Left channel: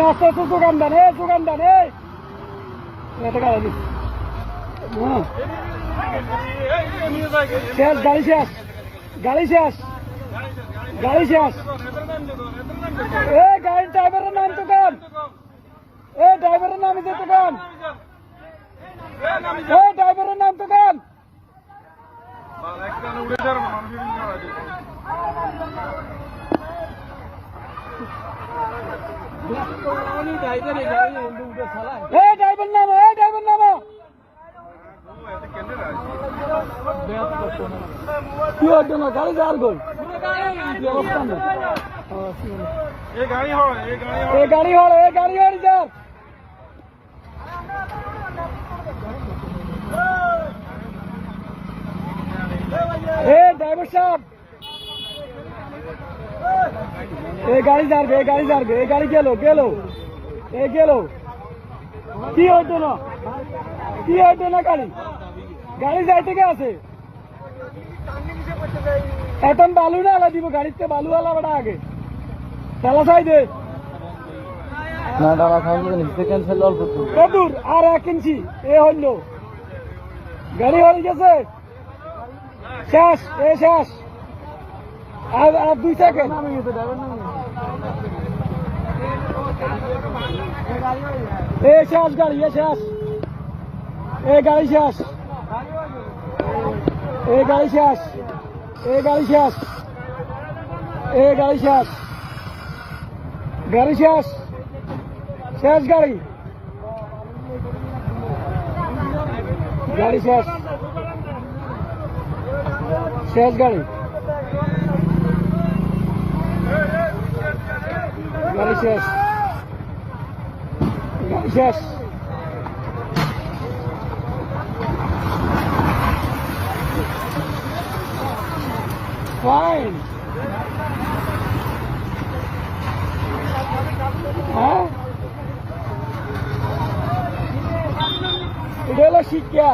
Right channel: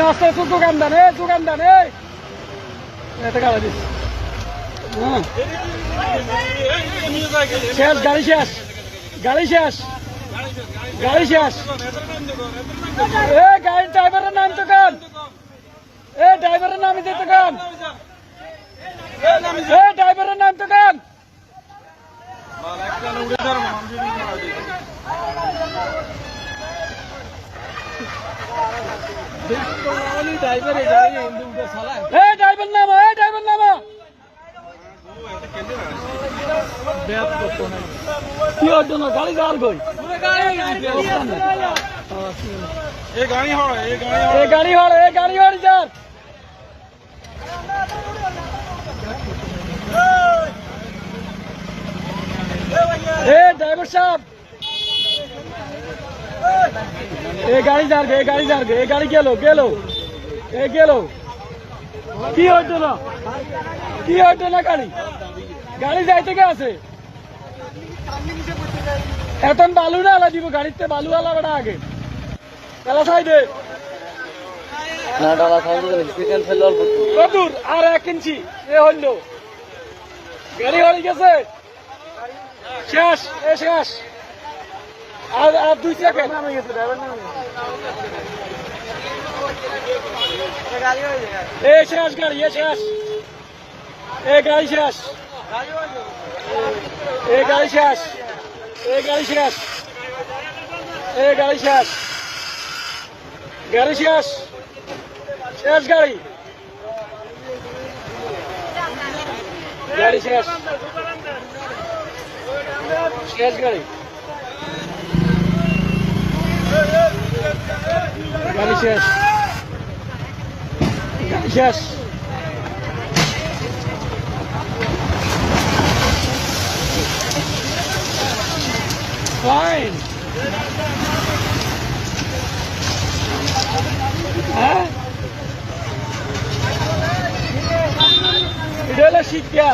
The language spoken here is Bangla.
আস্তে আস্তে দোকান দেন এত গাড়ি দিস শেষ গাড়ি শেষ এ গাড়ির ড্রাইভারের নাম তো কান ড্রাইভারের নাম দিতে কান ড্রাইভারের নাম তো কান ড্রাইভার নামা কি হতো না গাড়ি যার গই গাড়ি হড় যার ড্রাইভার সাহেব গাড়ি যার গে গাড়ি গেল কি হইতো না গাড়ি যাই থেকে আছে এখন বালু না আলা দিব গাড়িতে বালু আলা বেড়া আগে তালা সাইডে না ডালা কদূর আর 1 ইঞ্চি হইল গাড়ি হয়ে গেছে শেষ আর 2 সেকেন্ড নামে গেছে ড্রাইভার নামে শেষ গাড়ি শেষ গাড়ি শেষ Fine. এটা হলো শিক্ষা।